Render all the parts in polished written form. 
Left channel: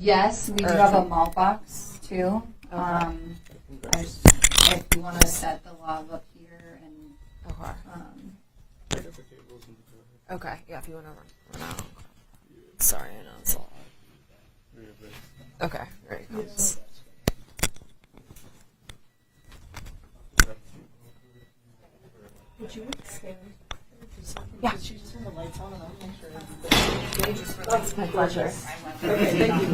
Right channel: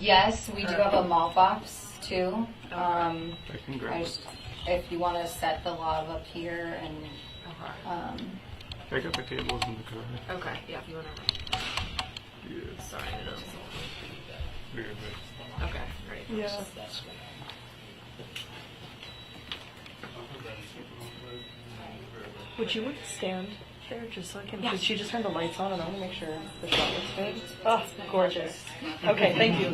Yes, we do have a malt box too. Congrats. If you want to set the log up here and I got the tables in the car. Okay, yeah, if you want to. Yeah. Sorry, I know it's all. Yeah, Okay, great. Yeah. Would you would stand there just so I can? Because she just turned the lights on, and I want to make sure that it looks good. Oh, it's gorgeous. Okay, thank you.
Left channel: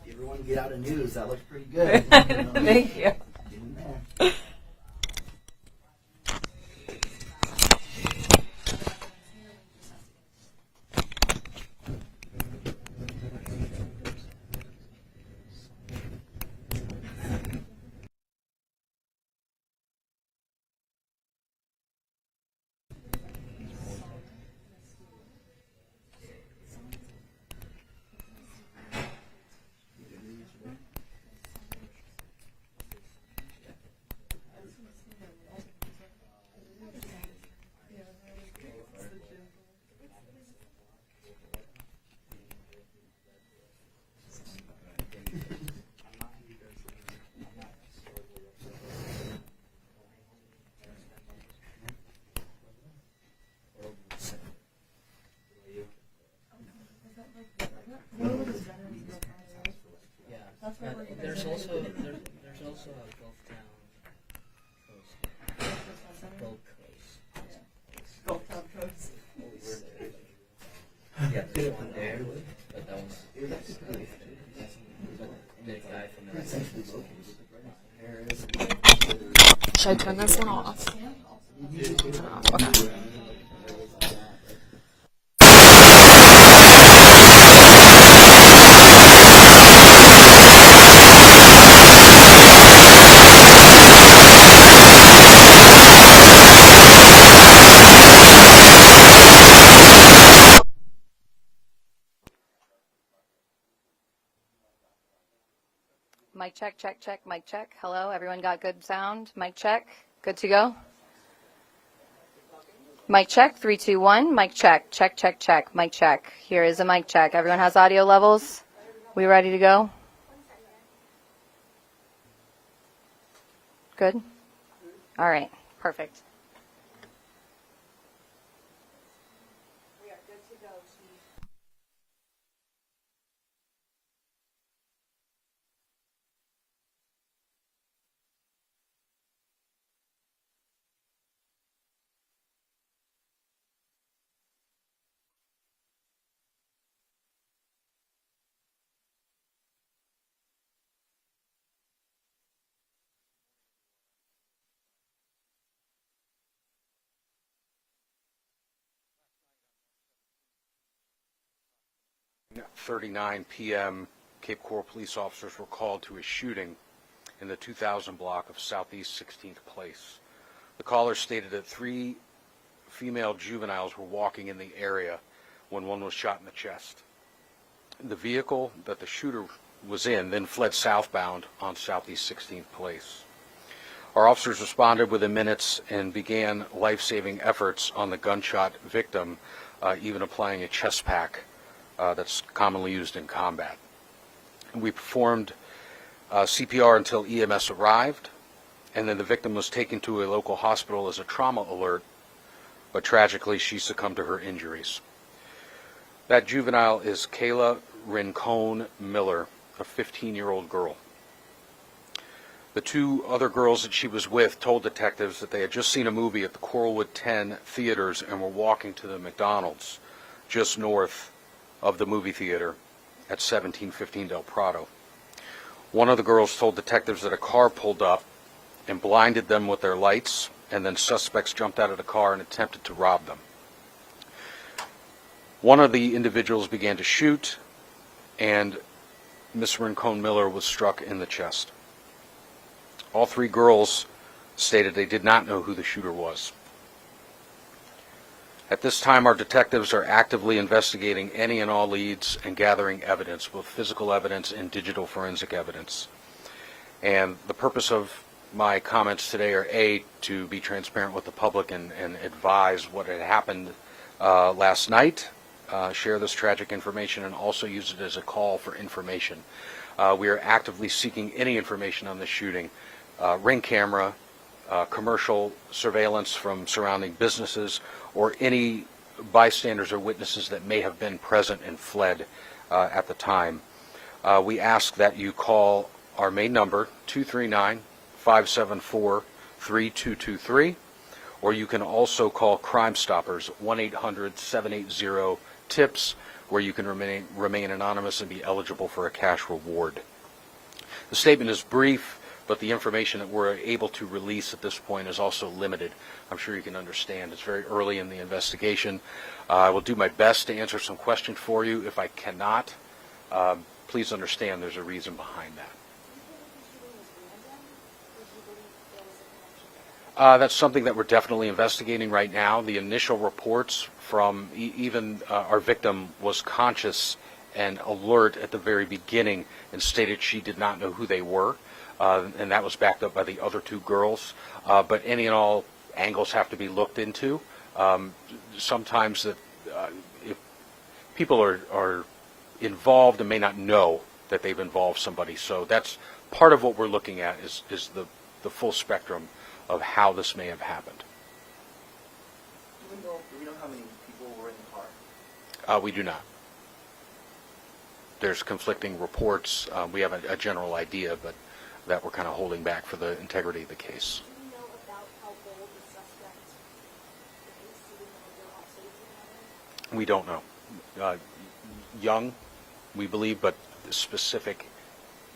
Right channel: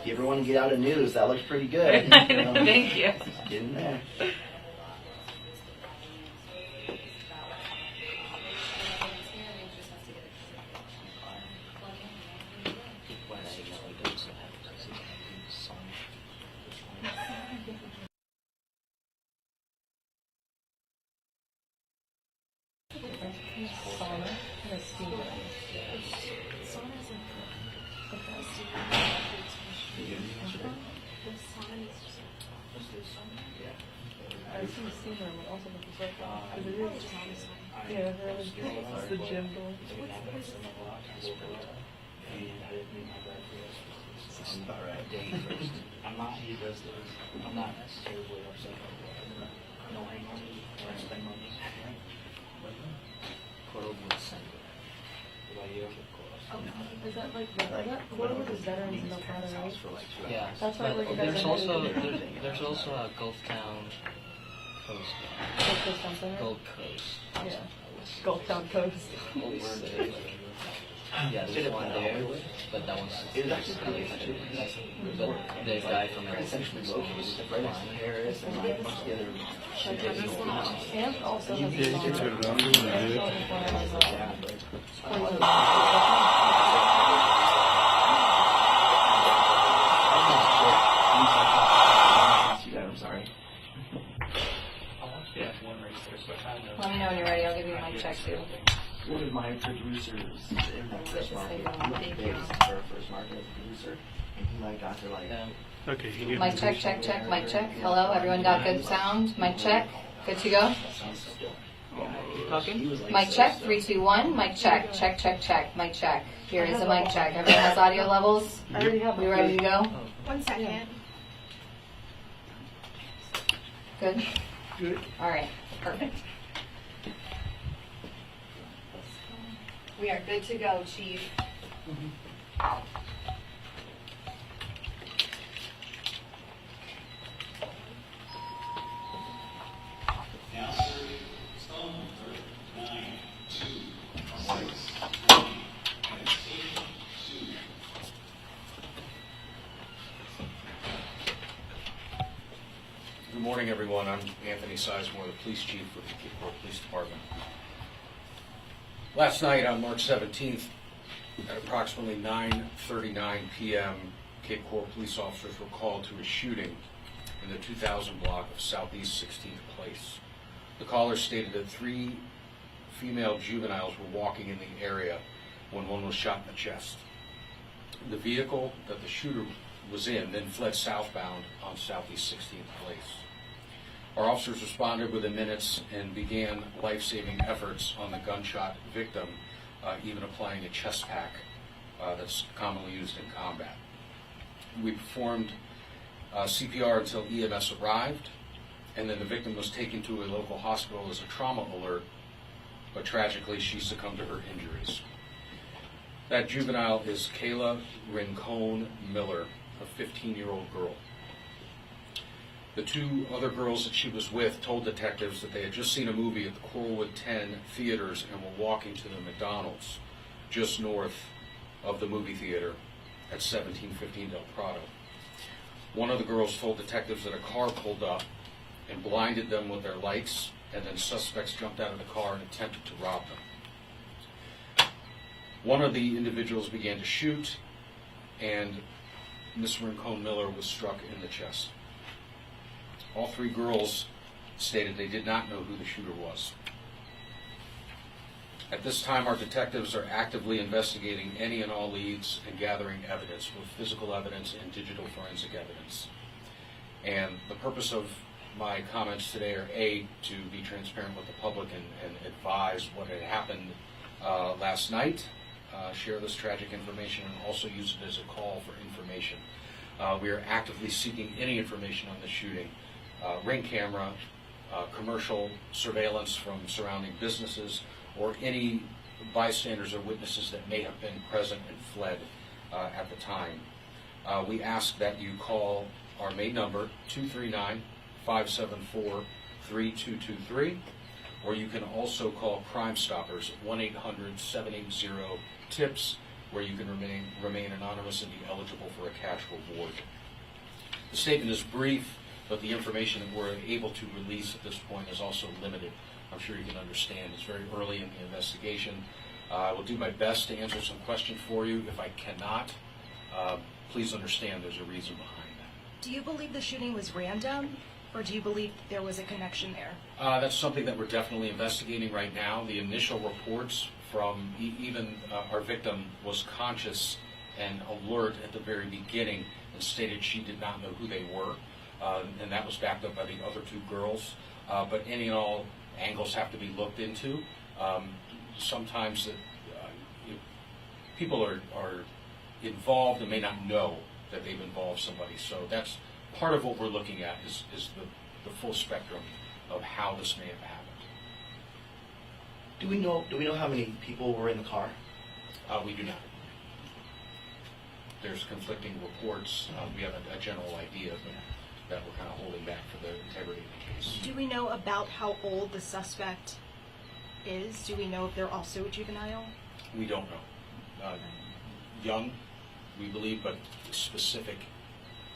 If you ever want to get out of news, that looks pretty good. Thank you. Get in there. It's the gym door. I'm not, he does this. I'm not terribly upset about it. No hangover, or spend money. Is that like Quote is veterans in Nevada, right? Yeah, That's why, like, you guys there's are also doing- there's also a Gulf Town Coast. Gold Coast Town Center? Gold Coast. Yeah. Gulf Town Coast. Yeah, there's one there, but that one's It was actually pretty but the guy from the essentially located right next to Harris and Should I turn this one off? And also has yeah. a It's okay, he gave mic me check, check, check, mic check. Hello, everyone got good sound? Mic check. Good to go? Mic check, 3, 2, 1. Mic check, check, check, check. Mic check. Here is a mic check. Everyone has audio levels? I already have We ready to go? 1 second. Good? Good. All right, perfect. We are good to go, Chief. Good morning, everyone. I'm Anthony Sizemore, the police chief with the Cape Coral Police Department. Last night on March 17th, at approximately 9:39 p.m., Cape Coral police officers were called to a shooting in the 2000 block of Southeast 16th Place. The caller stated that 3 female juveniles were walking in the area when one was shot in the chest. The vehicle that the shooter was in then fled southbound on Southeast 16th Place. Our officers responded within minutes and began life-saving efforts on the gunshot victim, even applying a chest pack that's commonly used in combat. We performed CPR until EMS arrived, and then the victim was taken to a local hospital as a trauma alert, but tragically she succumbed to her injuries. That juvenile is Kayla Rincon Miller, a 15-year-old girl. The 2 other girls that she was with told detectives that they had just seen a movie at the Coralwood 10 theaters and were walking to the McDonald's just north of the movie theater at 1715 Del Prado. One of the girls told detectives that a car pulled up and blinded them with their lights, and then suspects jumped out of the car and attempted to rob them. One of the individuals began to shoot, and Miss Rincon Miller was struck in the chest. All 3 girls stated they did not know who the shooter was. At this time, our detectives are actively investigating any and all leads and gathering evidence, both physical evidence and digital forensic evidence. And the purpose of my comments today are, A, to be transparent with the public and advise what had happened last night, share this tragic information and also use it as a call for information. We are actively seeking any information on the shooting, ring camera, commercial surveillance from surrounding businesses, or any bystanders or witnesses that may have been present and fled at the time. We ask that you call our main number, 239-574-3223, or you can also call Crime Stoppers, 1-800-780-TIPS, where you can remain anonymous and be eligible for a cash reward. The statement is brief, but the information that we're able to release at this point is also limited. I'm sure you can understand. It's very early in the investigation. I will do my best to answer some questions for you. If I cannot, please understand there's a reason behind that. Do you believe the shooting was random, or do you believe there was a connection there? That's something that we're definitely investigating right now. The initial reports from even our victim was conscious and alert at the very beginning and stated she did not know who they were, and that was backed up by the other two girls. But any and all angles have to be looked into. Sometimes that if people are involved and may not know that they've involved somebody, so that's part of what we're looking at is the full spectrum of how this may have happened. Do we know how many people were in the car? We do not. There's conflicting reports. We have a general idea, but that we're kind of holding back for the integrity of the case. Do we know about how old the suspect is? Do we know if they're also a juvenile? We don't know. Young, we believe, but specific,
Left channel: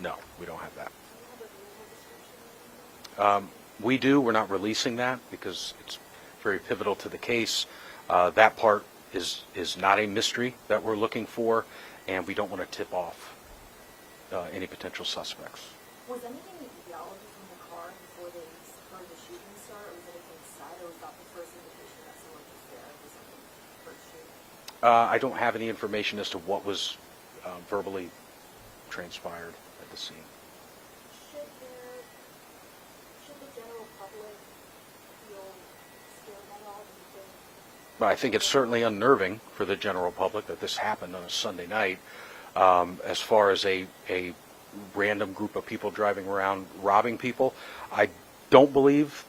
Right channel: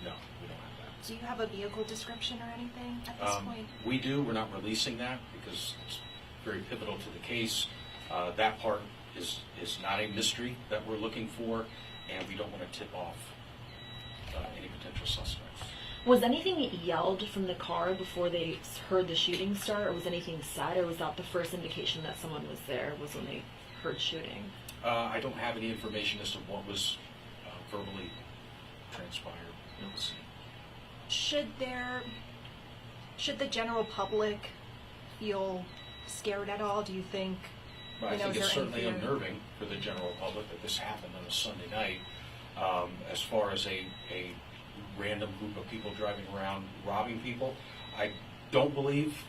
no, we don't have that. Do you have a vehicle description or anything at this point? We do. We're not releasing that because it's very pivotal to the case. That part is not a mystery that we're looking for, and we don't want to tip off any potential suspects. Was anything yelled from the car before they heard the shooting start, or was anything said, or was that the first indication that someone was there, was when they heard shooting? I don't have any information as to what was verbally transpired in the scene. Should the general public feel scared at all? Do you think? But I think it's certainly unnerving for the general public that this happened on a Sunday night. As far as a random group of people driving around robbing people, I don't believe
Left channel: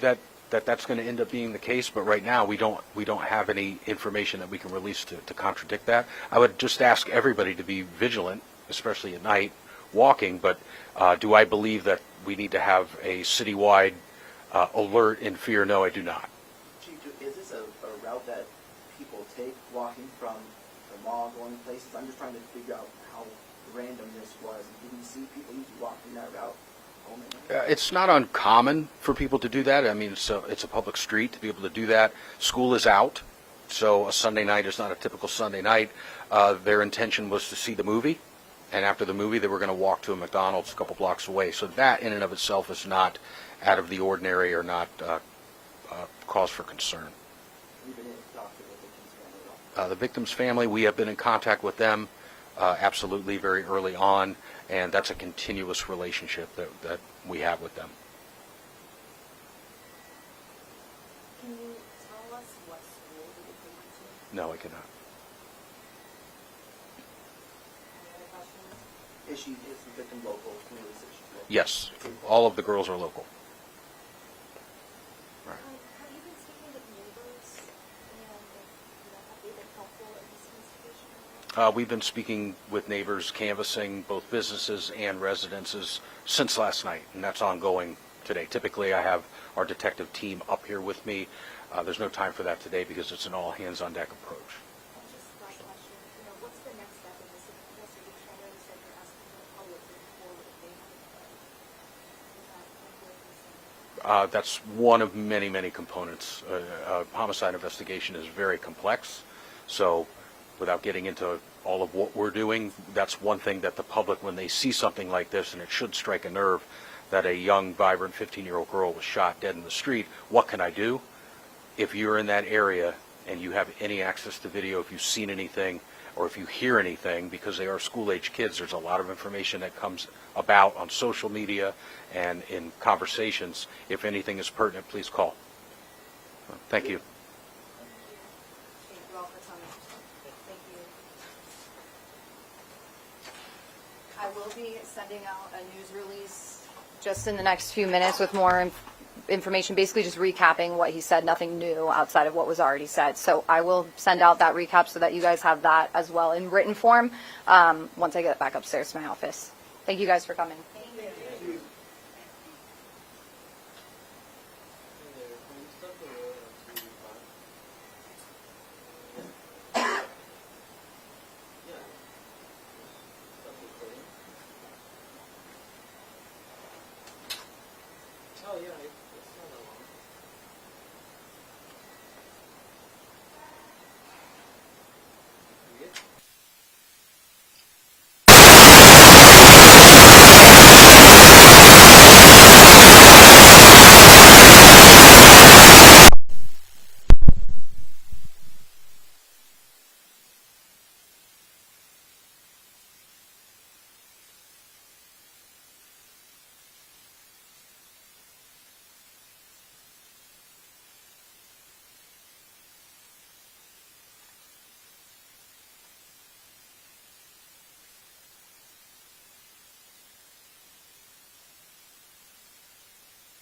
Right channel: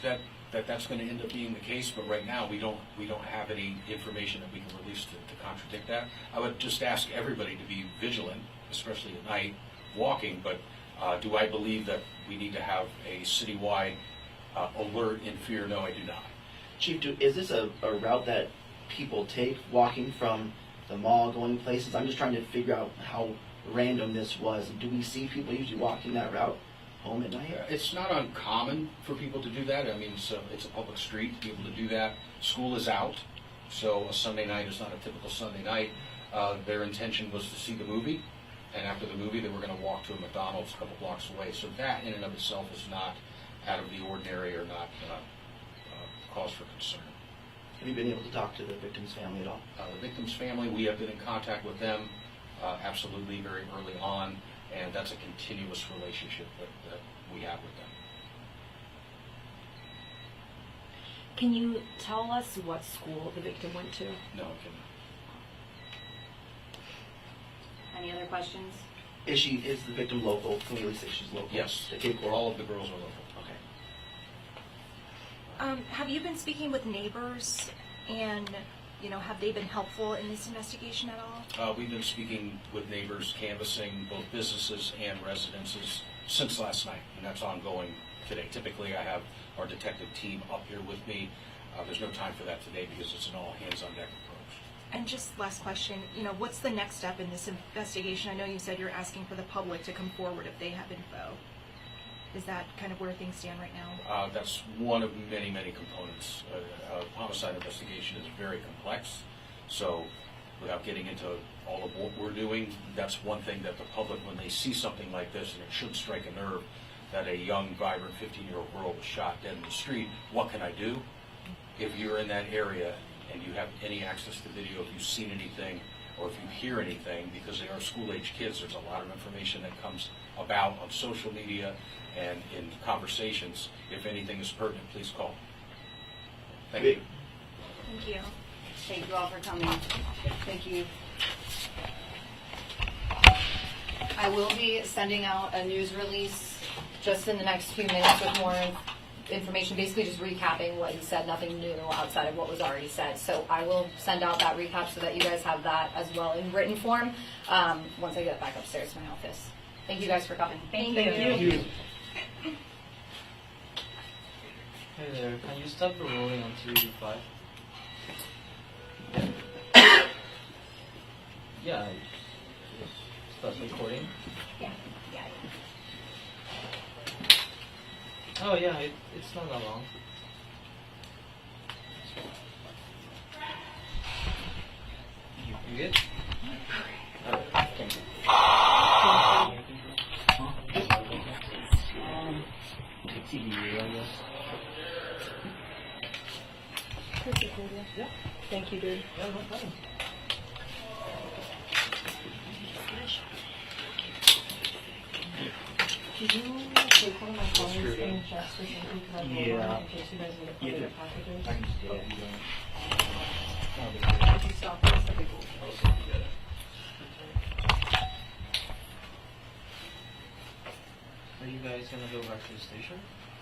that's going to end up being the case. But right now, we don't have any information that we can release to contradict that. I would just ask everybody to be vigilant, especially at night, walking. But do I believe that we need to have a citywide alert and fear? No, I do not. Chief, is this a route that people take, walking from the mall, going places? I'm just trying to figure out how random this was. Do we see people usually walking that route home at night? It's not uncommon for people to do that. I mean, it's a public street to be able to do that. School is out, so a Sunday night is not a typical Sunday night. Their intention was to see the movie, and after the movie, they were going to walk to a McDonald's a couple blocks away. So that, in and of itself, is not out of the ordinary or not cause for concern. Have you been able to talk to the victim's family at all? The victim's family, we have been in contact with them absolutely very early on, and that's a continuous relationship that we have with them. Can you tell us what school the victim went to? No, I cannot. Any other questions? Is the victim local? Can we say she's local? Yes, The Cape Coral? all of the girls are local. Okay. Have you been speaking with neighbors, and have they been helpful in this investigation at all? We've been speaking with neighbors, canvassing both businesses and residences since last night, and that's ongoing today. Typically, I have our detective team up here with me. There's no time for that today because it's an all-hands-on-deck approach. And just last question, what's the next step in this investigation? I know you said you're asking for the public to come forward if they have info. Is that kind of where things stand right now? That's one of many, many components. Homicide investigation is very complex, so without getting into all of what we're doing, that's one thing that the public, when they see something like this, and it should strike a nerve, that a young, vibrant 15-year-old girl was shot dead in the street, what can I do? If you're in that area and you have any access to video, if you've seen anything, or if you hear anything, because they are school-age kids, there's a lot of information that comes about on social media and in conversations. If anything is pertinent, please call. Thank you. Thank you. Thank you all for coming. Thank you. I will be sending out a news release just in the next few minutes with more information, basically just recapping what he said, nothing new outside of what was already said. So I will send out that recap so that you guys have that as well in written form once I get back upstairs to my office. Thank you guys for coming. Thank you. Hey there, can you stop rolling on 285? Yeah. Yeah. Start recording. Yeah. Oh yeah, it's not that long. You good? Alright, thank you. Thank you, dude. Yeah, no problem. Could you take one of my phones and just for something because I have Yeah. in case you guys need to play the packages? I can just get it. Could you stop this? That'd be cool. Are you guys gonna go back to the station?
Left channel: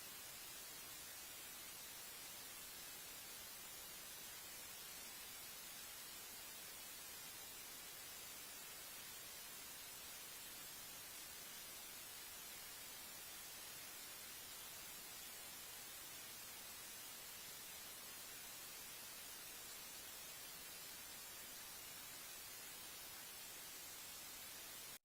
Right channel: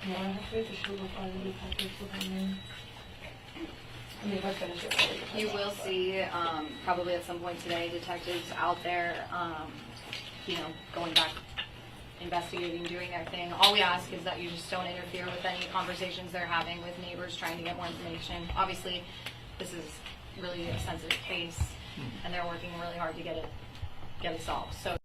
No, I have to wait to show the file the package with them in. I mean, if I finish it, I'll leave it. You will see probably at some point today detectives out there, going back, investigating, doing their thing. All we ask is that you just don't interfere with any conversations they're having with neighbors trying to get more information. Obviously, this is really a sensitive case, and they're working really hard to get it solved. So